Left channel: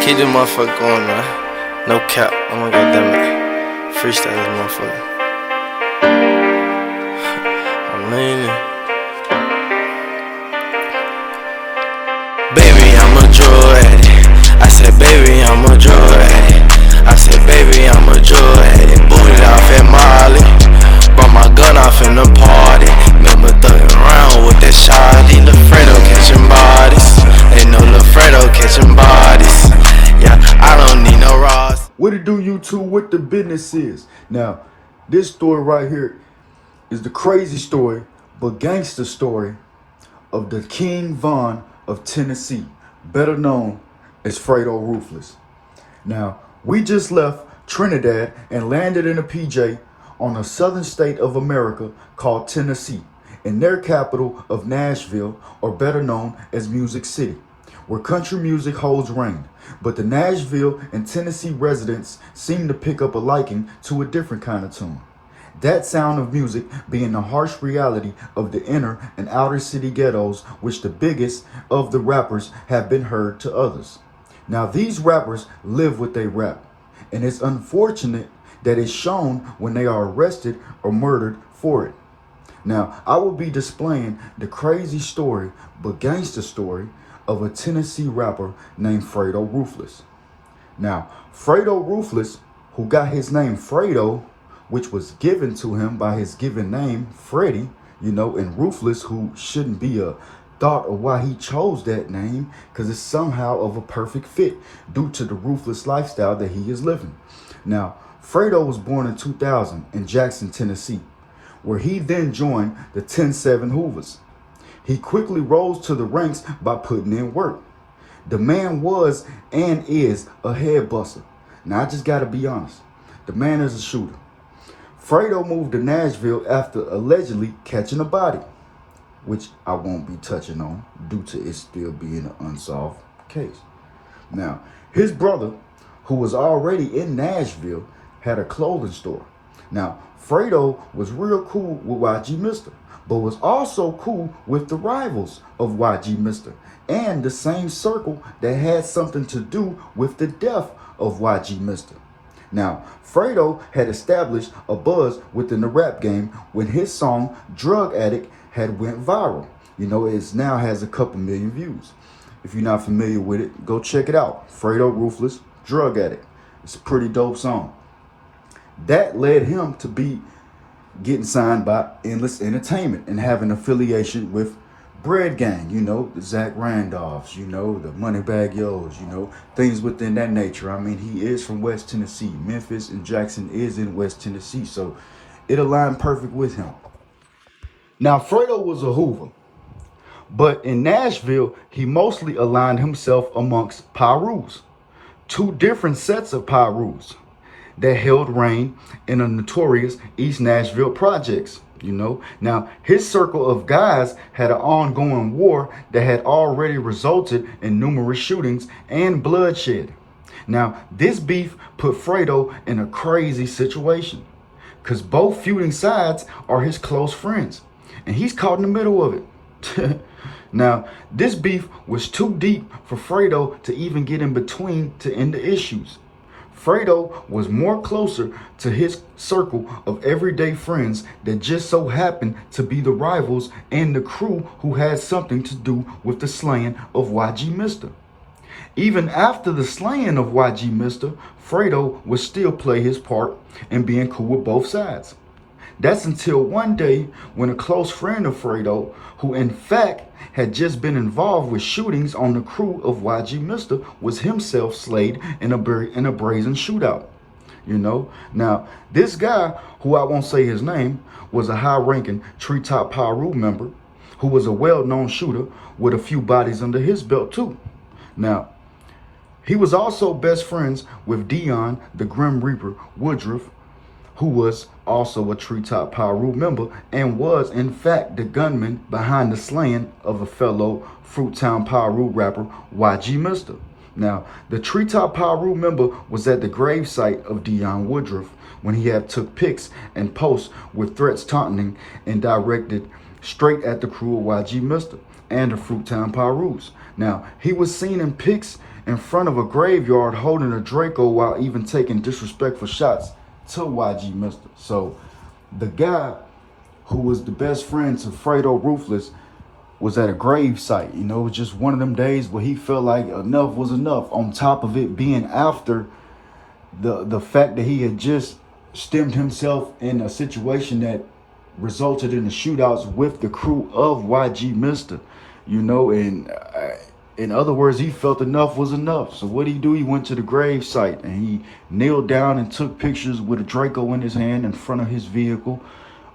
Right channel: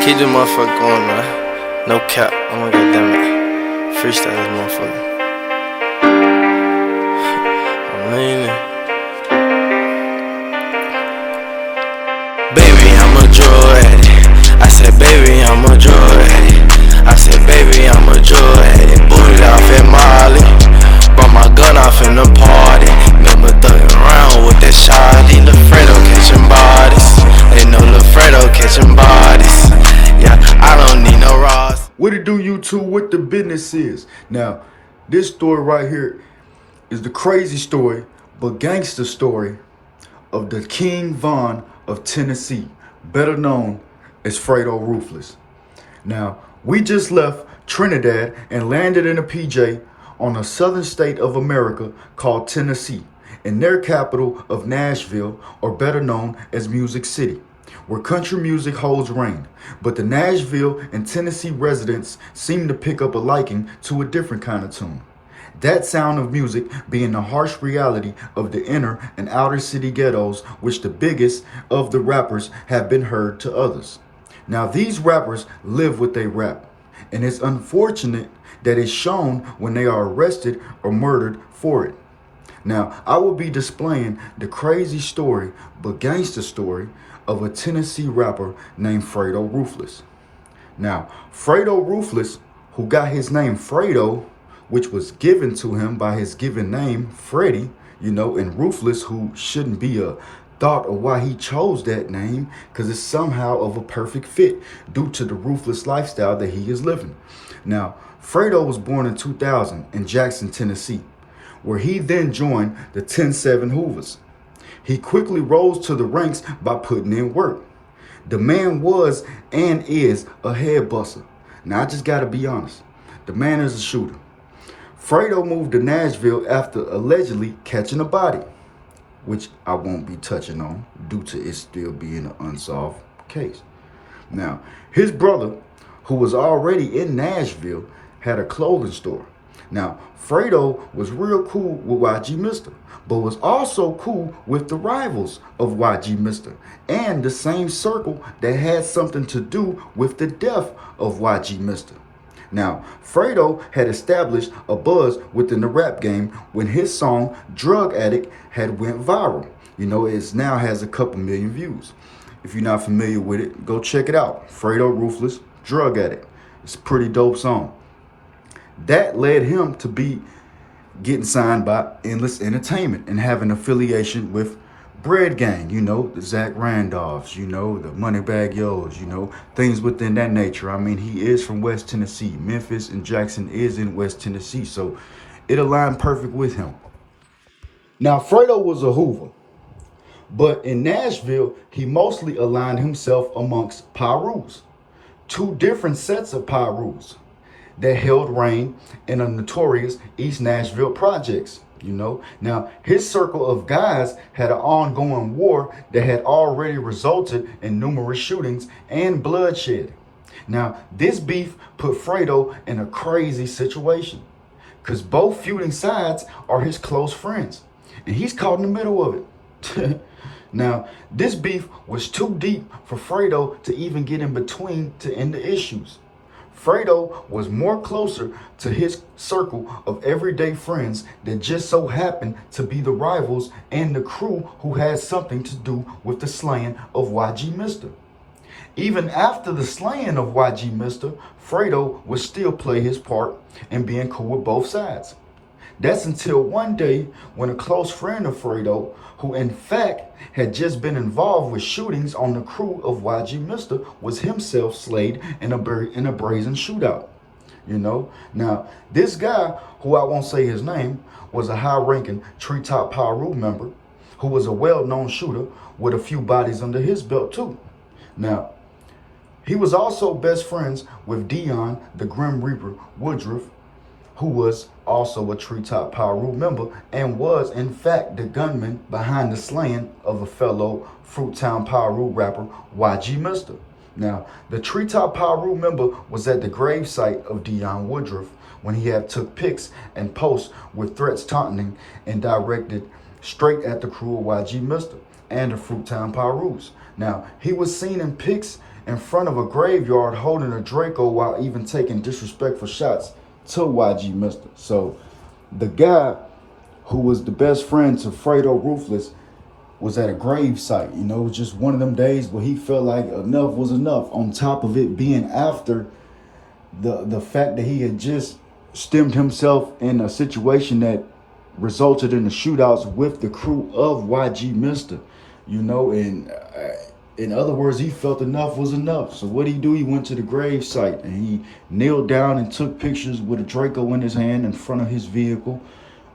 Keep this motherfucker going, man. No cap. Oh my god, damn it. Freestyle this motherfucker. I'm leaning. Baby, I'm a drug addict. I said, baby, I'm a drug addict. I said, baby, I'm a drug addict. Booted off at Molly. Brought my gun off in the party. Remember thugging around with that shotty. Lil' Fredo catching bodies. They know Lil' Fredo catching bodies. Yeah, I don't need no Ross. What it do, YouTube? What the business is? Now, this story right here is the crazy story, but gangster story of the King Von of Tennessee, better known as Fredo Ruthless. Now, we just left Trinidad and landed in a PJ on the southern state of America called Tennessee, in their capital of Nashville, or better known as Music City, where country music holds reign. But the Nashville and Tennessee residents seem to pick up a liking to a different kind of tune. That sound of music being the harsh reality of the inner and outer city ghettos, which the biggest of the rappers have been heard to others. Now these rappers live what they rap, and it's unfortunate that it's shown when they are arrested or murdered for it. Now I will be displaying the crazy story, but gangster story, of a Tennessee rapper named Fredo Ruthless. Now, Fredo Ruthless, who got his name Fredo, which was given to him by his given name, Freddie, and Ruthless, who shouldn't be a thought of why he chose that name, because it's somehow of a perfect fit due to the ruthless lifestyle that he is living. Now, Fredo was born in 2000 in Jackson, Tennessee, where he then joined the 10-7 Hoovers. He quickly rose to the ranks by putting in work. The man was and is a head buster. Now, I just gotta be honest. The man is a shooter. Fredo moved to Nashville after allegedly catching a body, which I won't be touching on due to it still being an unsolved case. Now, his brother, who was already in Nashville, had a clothing store. Now, Fredo was real cool with YG Mister, but was also cool with the rivals of YG Mister and the same circle that had something to do with the death of YG Mister. Now, Fredo had established a buzz within the rap game when his song Drug Addict had went viral. It now has a couple million views. If you're not familiar with it, go check it out. Fredo Ruthless, Drug Addict. It's a pretty dope song. That led him to be getting signed by Endless Entertainment and having affiliation with Bread Gang, the Zach Randolphs, the Moneybag Yo's, things within that nature. I mean, he is from West Tennessee. Memphis and Jackson is in West Tennessee, so it aligned perfect with him. Now, Fredo was a Hoover, but in Nashville, he mostly aligned himself amongst Pyrus, two different sets of Pyrus that held reign in the notorious East Nashville projects. Now his circle of guys had an ongoing war that had already resulted in numerous shootings and bloodshed. Now this beef put Fredo in a crazy situation, because both feuding sides are his close friends, and he's caught in the middle of it. Now this beef was too deep for Fredo to even get in between to end the issues. Fredo was more closer to his circle of everyday friends that just so happened to be the rivals and the crew who had something to do with the slaying of YG Mister. Even after the slaying of YG Mister, Fredo would still play his part and being cool with both sides. That's until one day when a close friend of Fredo, who in fact had just been involved with shootings on the crew of YG Mister, was himself slayed in a Brazen shootout. Now this guy, who I won't say his name, was a high-ranking Treetop Pyru member who was a well-known shooter with a few bodies under his belt too. Now, he was also best friends with Dion, the Grim Reaper Woodruff, who was also a Treetop Pyru member and was in fact the gunman behind the slaying of a fellow Fruittown Pyru rapper, YG Mister. Now, the Treetop Pyru member was at the gravesite of Dion Woodruff when he had took pics and posts with threats taunting and directed straight at the crew of YG Mister and the Fruittown Pyrus. Now, he was seen in pics in front of a graveyard holding a Draco while even taking disrespectful shots to YG Mister. So the guy who was the best friend to Fredo Ruthless was at a grave site. You know, it was just one of them days where he felt like enough was enough. On top of it being after the fact that he had just stemmed himself in a situation that resulted in the shootouts with the crew of YG Mister. You know, and in other words, he felt enough was enough. So what did he do? He went to the grave site and he kneeled down and took pictures with a Draco in his hand in front of his vehicle,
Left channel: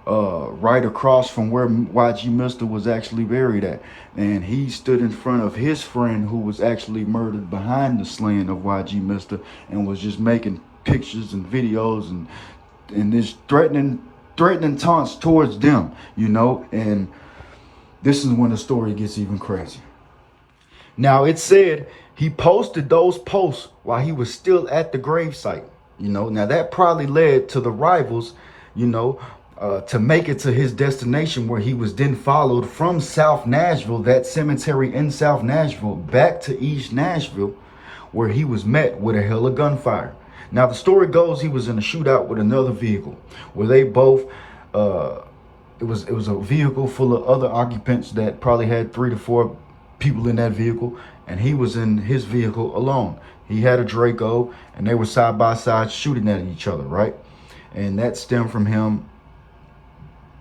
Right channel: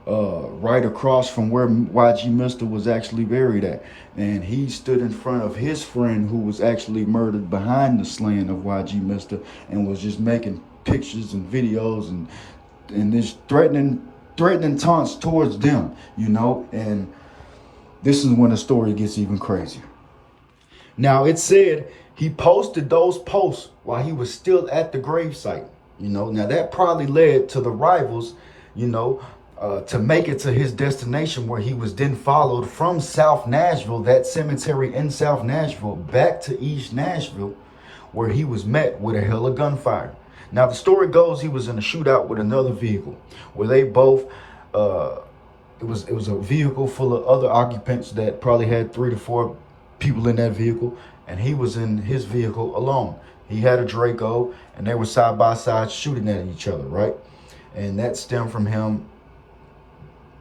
right across from where YG Mister was actually buried at. And he stood in front of his friend who was actually murdered behind the slaying of YG Mister and was just making pictures and videos and this threatening taunts towards them, you know. And this is when the story gets even crazier. Now, it said he posted those posts while he was still at the gravesite. You know, now that probably led to the rivals, you know, to make it to his destination, where he was then followed from South Nashville, that cemetery in South Nashville, back to East Nashville, where he was met with a hell of gunfire. Now, the story goes he was in a shootout with another vehicle, where they both, it was a vehicle full of other occupants that probably had 3 to 4 people in that vehicle, and he was in his vehicle alone. He had a Draco, and they were side by side shooting at each other, right? And that stemmed from him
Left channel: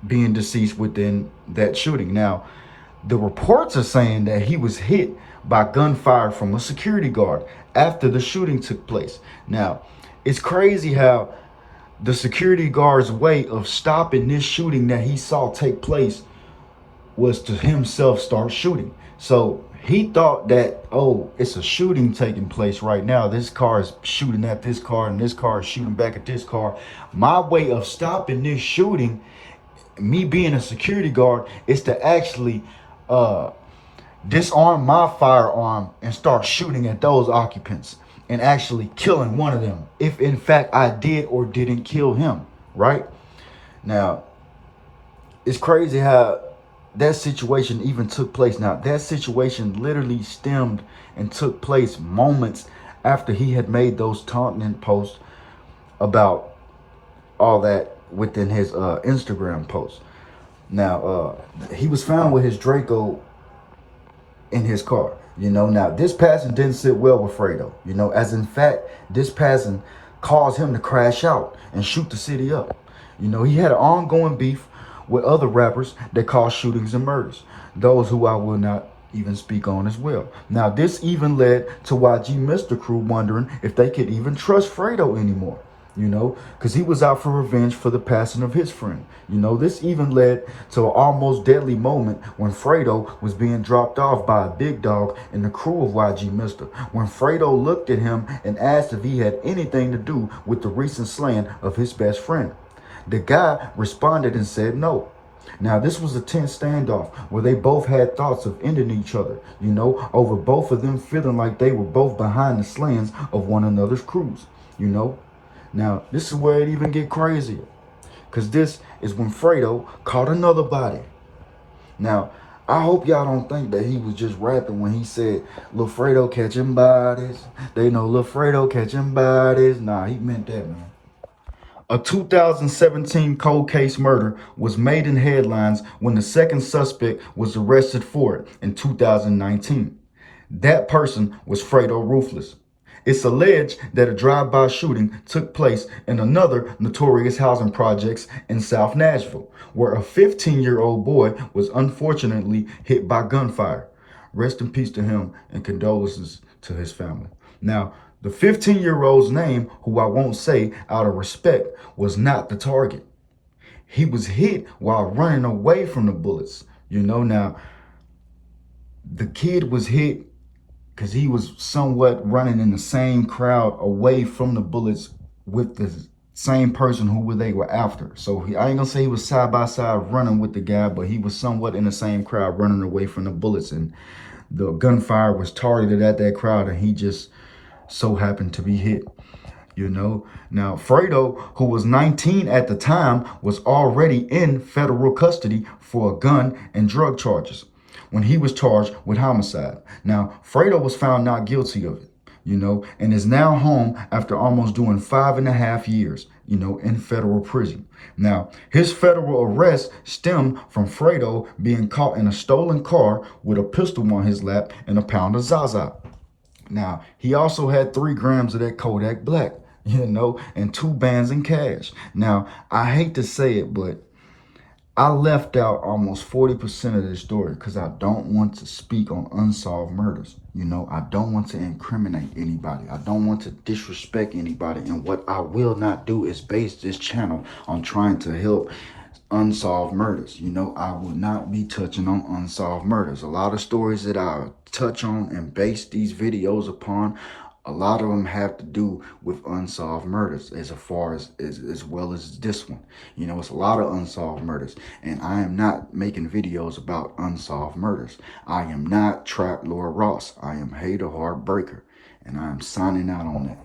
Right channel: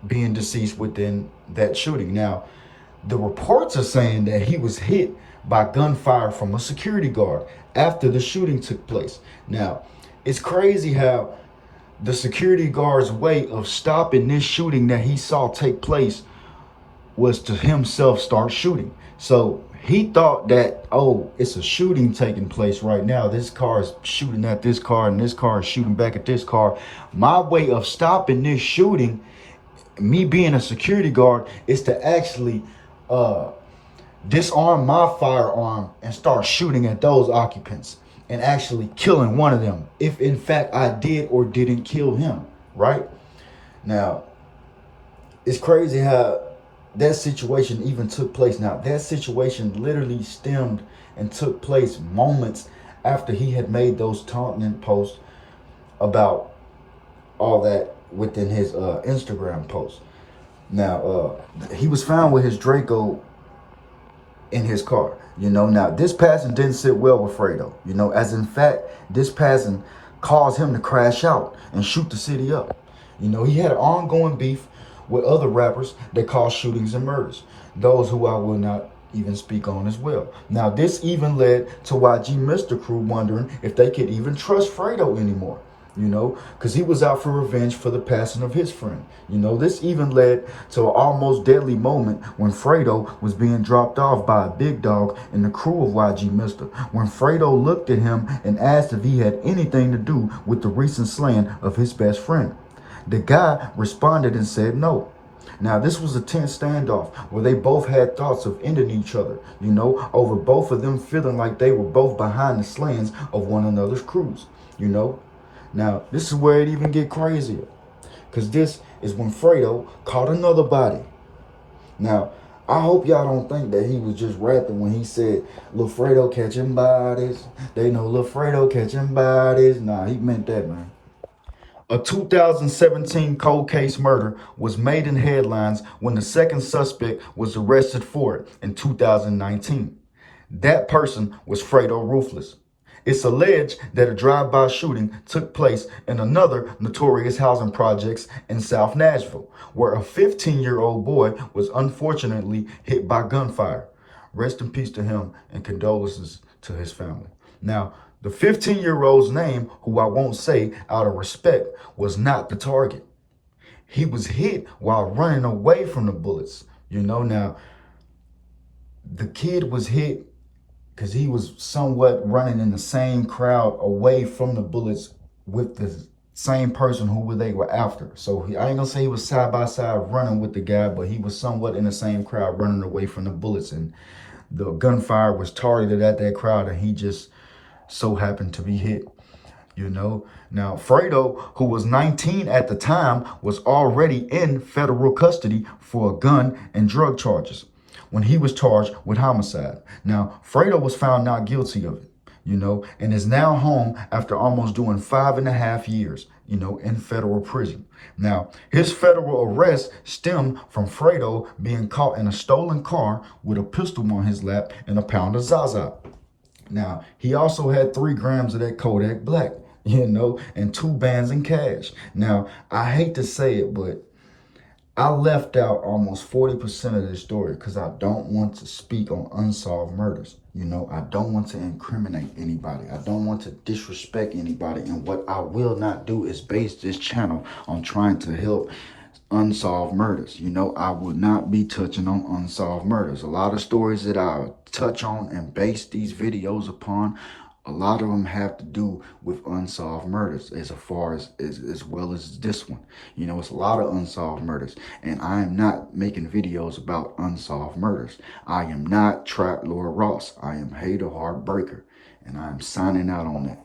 being deceased within that shooting. Now, the reports are saying that he was hit by gunfire from a security guard after the shooting took place. Now, it's crazy how the security guard's way of stopping this shooting that he saw take place was to himself start shooting. So he thought that, oh, it's a shooting taking place right now. This car is shooting at this car and this car is shooting back at this car. My way of stopping this shooting, me being a security guard, is to actually disarm my firearm and start shooting at those occupants and actually killing one of them, if in fact I did or didn't kill him, right? Now, it's crazy how that situation even took place. Now, that situation literally stemmed and took place moments after he had made those taunting posts about all that within his Instagram post. Now, he was found with his Draco in his car. You know, now this passing didn't sit well with Fredo. You know, as in fact, this passing caused him to crash out and shoot the city up. You know, he had an ongoing beef with other rappers that caused shootings and murders, those who I will not even speak on as well. Now, this even led to YG Mister crew wondering if they could even trust Fredo anymore, you know, because he was out for revenge for the passing of his friend. You know, this even led to an almost deadly moment when Fredo was being dropped off by a big dog in the crew of YG Mister, when Fredo looked at him and asked if he had anything to do with the recent slaying of his best friend. The guy responded and said no. Now, this was a tense standoff where they both had thoughts of ending each other, you know, over both of them feeling like they were both behind the slayings of one another's crews, you know. Now, this is where it even get crazier, because this is when Fredo caught another body. Now, I hope y'all don't think that he was just rapping when he said, Lil Fredo catching bodies. They know Lil Fredo catching bodies. Nah, he meant that, man. A 2017 cold case murder was made in headlines when the second suspect was arrested for it in 2019. That person was Fredo Ruthless. It's alleged that a drive-by shooting took place in another notorious housing projects in South Nashville, where a 15-year-old boy was unfortunately hit by gunfire. Rest in peace to him and condolences to his family. Now, the 15-year-old's name, who I won't say out of respect, was not the target. He was hit while running away from the bullets. You know, now, the kid was hit because he was somewhat running in the same crowd away from the bullets with the same person who they were after. So I ain't gonna say he was side by side running with the guy, but he was somewhat in the same crowd running away from the bullets, and the gunfire was targeted at that crowd, and he just so happened to be hit, you know. Now, Fredo, who was 19 at the time, was already in federal custody for gun and drug charges when he was charged with homicide. Now, Fredo was found not guilty of it, and is now home after almost doing 5.5 years, in federal prison. Now, his federal arrest stemmed from Fredo being caught in a stolen car with a pistol on his lap and a pound of Zaza. Now, he also had 3 grams of that Kodak Black, and 2 bands in cash. Now, I hate to say it, but I left out almost 40% of the story because I don't want to speak on unsolved murders. I don't want to incriminate anybody. I don't want to disrespect anybody. And what I will not do is base this channel on trying to help unsolved murders. I will not be touching on unsolved murders. A lot of stories that I touch on and base these videos upon, a lot of them have to do with unsolved murders as well as this one. It's a lot of unsolved murders, and I am not making videos about unsolved murders. I am not Trap Lord Ross. I am Hater Heartbreaker, and I am signing out on that.